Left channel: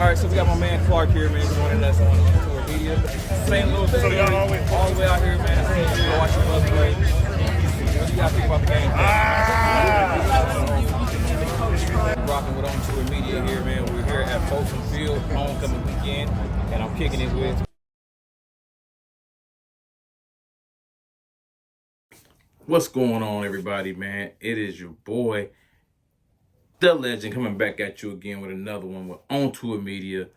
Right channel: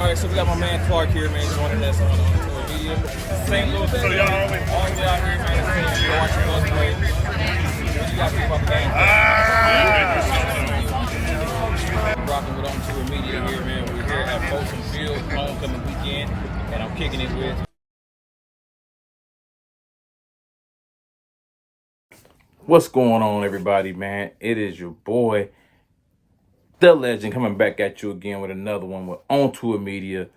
All right, so we got my man Clark here, man, joining us on Tour Media. Same little thing, all the way out here, man. You're watching us play. What do you guys think about the game? We're rocking with On Tour Media here, man. We're here at Folsom Field homecoming weekend, and I'm kicking it with. What's going on, everybody, man? It is your boy, the legend, coming back at you again with another one with On Tour Media.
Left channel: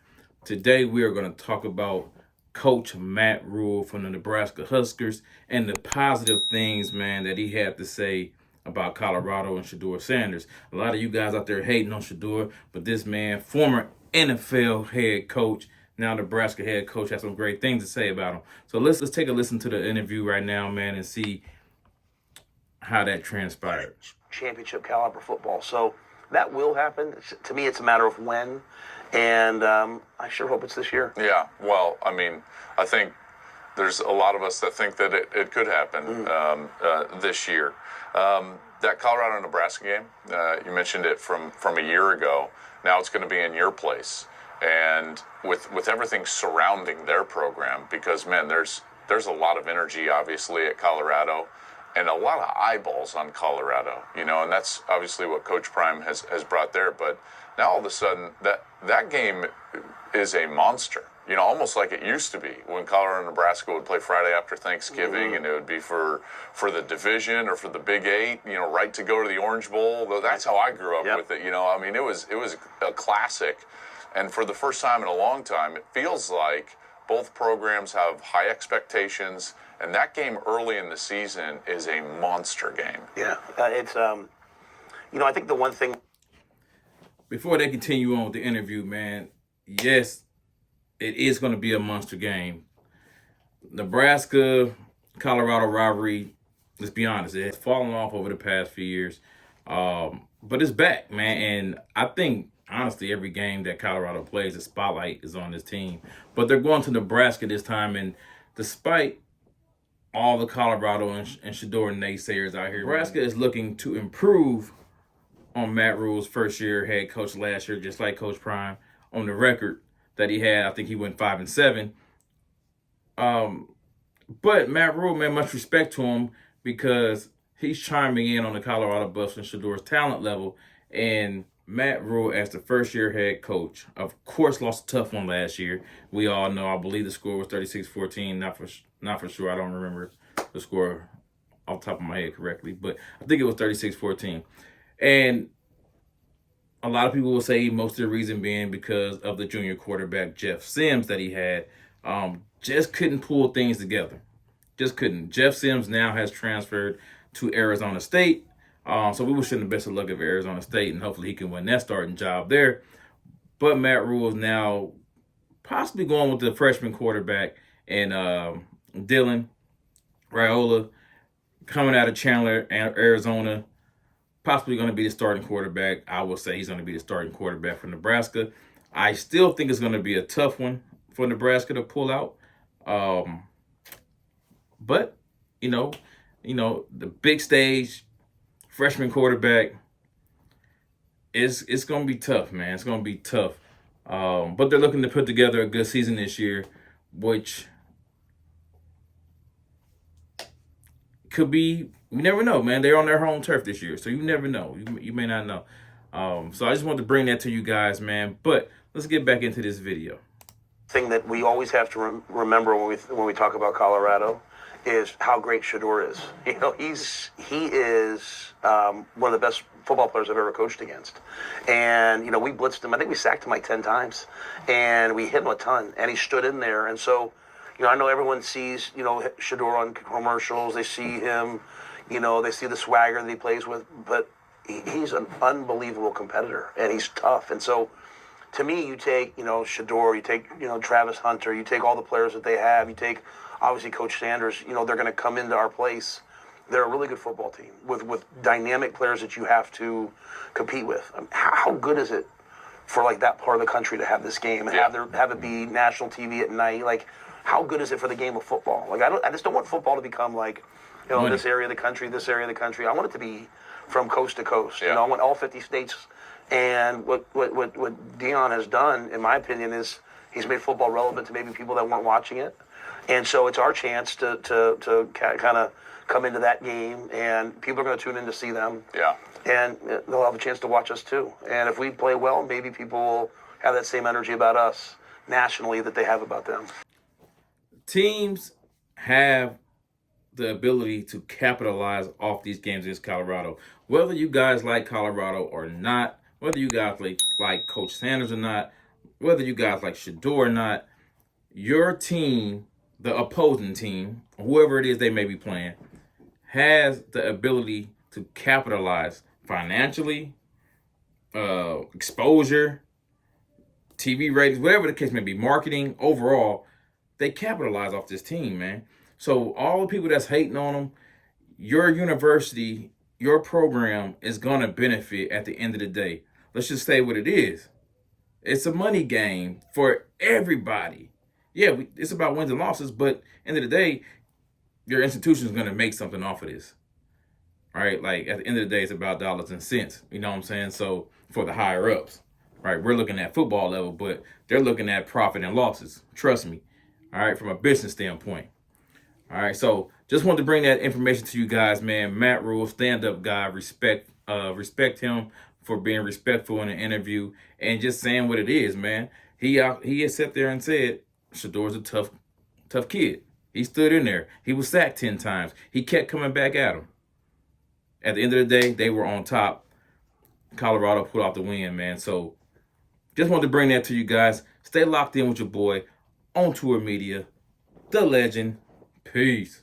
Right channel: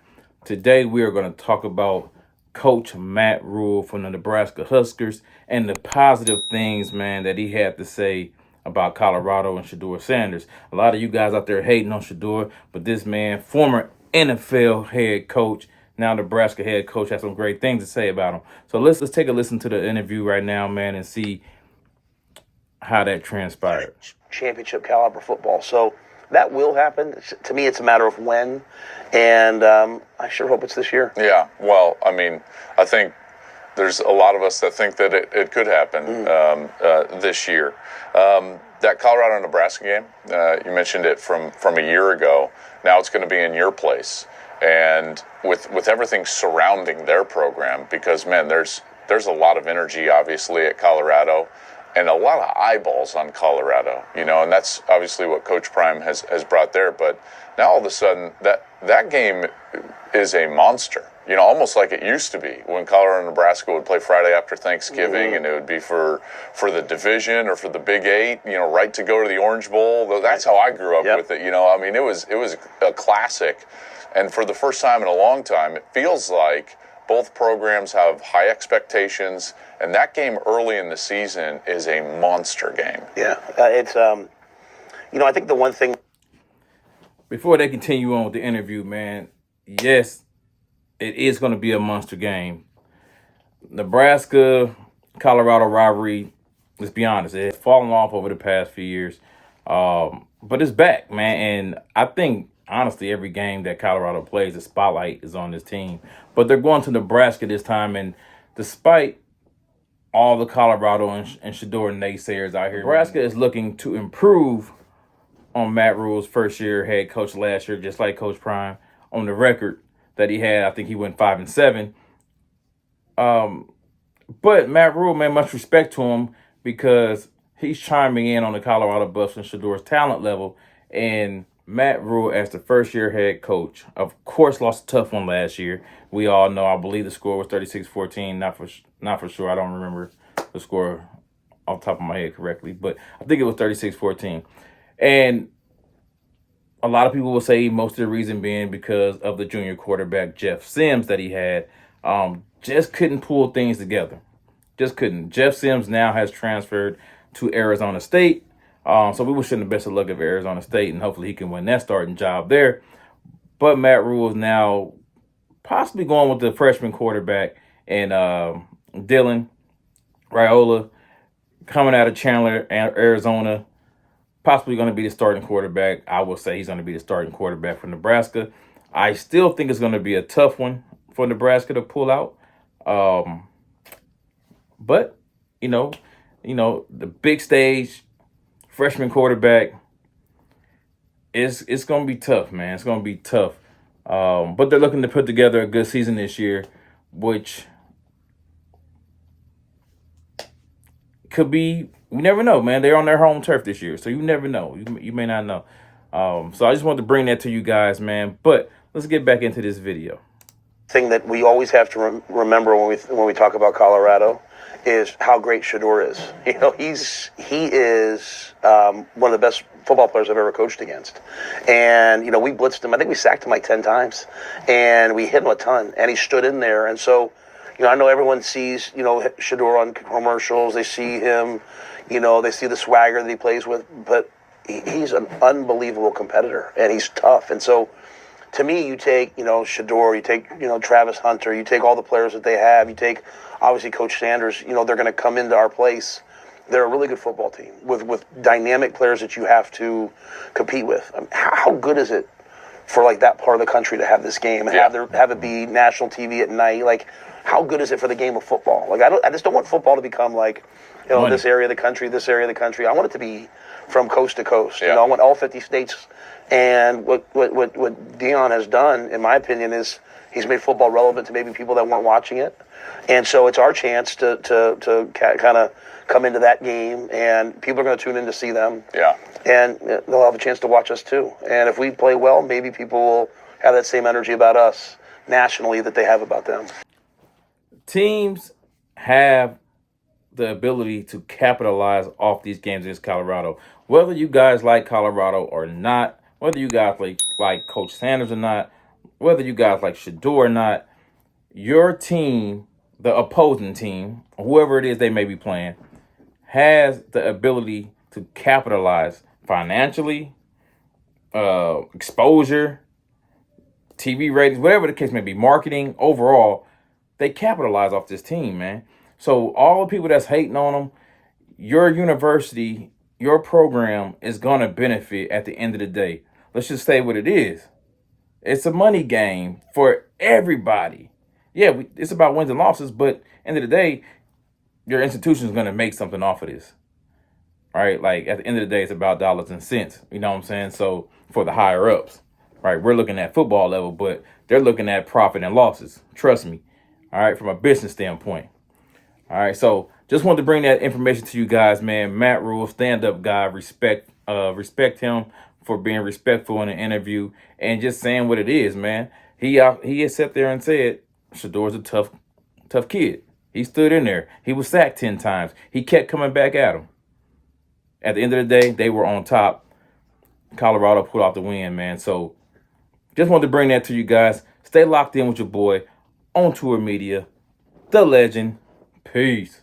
Today we are going to talk about Coach Matt Rhule from the Nebraska Huskers and the positive things, man, that he had to say about Colorado and Shedeur Sanders. A lot of you guys out there hating on Shedeur, but this man, former NFL head coach, now Nebraska head coach, has some great things to say about him. So let's take a listen to the interview right now, man, and see how that transpired. Championship caliber football. So that will happen. To me, it's a matter of when, and I sure hope it's this year. Yeah, well, I mean, I think there's a lot of us that think that it could happen this year. That Colorado-Nebraska game, you mentioned it from a year ago. Now it's going to be in your place, and with everything surrounding their program, because, man, there's a lot of energy, obviously, at Colorado, and a lot of eyeballs on Colorado, and that's obviously what Coach Prime has brought there. But now all of a sudden, that game is a monster, almost like it used to be when Colorado and Nebraska would play Friday after Thanksgiving, and it would be for the division or for the Big Eight, right to go to the Orange Bowl. That's how I grew up with it, I mean, it was a classic. And for the first time in a long time, it feels like both programs have high expectations, and that game early in the season is a monster game. Yeah, it's, I think the one thing. Before they continue on with the interview, man, yes, it is going to be a monster game. Nebraska-Colorado rivalry, let's be honest, it's fallen off over the past few years. But it's back, man, and I think, honestly, every game that Colorado plays, the spotlight is on this team. But they're going to Nebraska this time, and despite all the Colorado and Shedeur naysayers out here, Nebraska is looking to improve on Matt Rhule's first year head coach last year, just like Coach Prime. On the record that he had, I think he went 5-7. But Matt Rhule, man, much respect to him, because he's chiming in on the Colorado Buffs and Shedeur's talent level. And Matt Rhule, as the first-year head coach, of course, lost a tough one last year. We all know. I believe the score was 36-14. Not for sure. I don't remember the score off the top of my head correctly, but I think it was 36-14. And a lot of people will say most of the reason being because of the junior quarterback, Jeff Sims, that he had. Just couldn't pull things together. Just couldn't. Jeff Sims now has transferred to Arizona State. So we wish him the best of luck at Arizona State, and hopefully he can win that starting job there. But Matt Rhule is now possibly going with the freshman quarterback and Dylan Raiola, coming out of Chandler, Arizona, possibly going to be the starting quarterback. I will say he's going to be the starting quarterback for Nebraska. I still think it's going to be a tough one for Nebraska to pull out. But, the big stage, freshman quarterback, it's going to be tough, man. It's going to be tough. But they're looking to put together a good season this year, which could be, you never know, man. They're on their home turf this year, so you never know. You may not know. So I just wanted to bring that to you guys, man. But let's get back into this video. Thing that we always have to remember when we talk about Colorado is how great Shedeur is. He is one of the best football players I've ever coached against. And, we blitzed him. I think we sacked him like 10 times. And we hit him a ton. And he stood in there. And so, I know everyone sees, Shedeur on commercials. They see him, they see the swagger that he plays with. But he's an unbelievable competitor. And he's tough. And so, to me, you take, Shedeur, you take, Travis Hunter, you take all the players that they have, you take, obviously, Coach Sanders, they're going to come into our place. They're a really good football team with dynamic players that you have to compete with. I mean, how good is it for, that part of the country to have this game and have it be national TV at night? How good is it for the game of football? I just don't want football to become this area of the country, this area of the country. I want it to be from coast to coast. I want all 50 states And what Dion has done, in my opinion, is he's made football relevant to maybe people that weren't watching it. And so it's our chance to kind of come into that game, and people are going to tune in to see them. Yeah. And they'll have a chance to watch us too. And if we play well, maybe people will have that same energy about us nationally that they have about them. Teams have the ability to capitalize off these games against Colorado. Whether you guys like Colorado or not, whether you guys like Coach Sanders or not, whether you guys like Shedeur or not, your team, the opposing team, whoever it is they may be playing, has the ability to capitalize financially, exposure, TV ratings, whatever the case may be, marketing, overall, they capitalize off this team, man. So all the people that's hating on them, your university, your program is going to benefit at the end of the day. Let's just say what it is. It's a money game for everybody. Yeah, it's about wins and losses, but end of the day, your institution is going to make something off of this. Right? Like at the end of the day, it's about dollars and cents. You know what I'm saying? So for the higher ups, right? We're looking at football level, but they're looking at profit and losses. Trust me. All right, from a business standpoint. All right, so just wanted to bring that information to you guys, man. Matt Rhule, stand-up guy. Respect him for being respectful in an interview and just saying what it is, man. He has sat there and said Shedeur's a tough kid. He stood in there. He was sacked 10 times. He kept coming back at him. At the end of the day, they were on top. Colorado pulled off the win, man. So just wanted to bring that to you guys. Stay locked in with your boy, On Tour Media, the legend. Peace.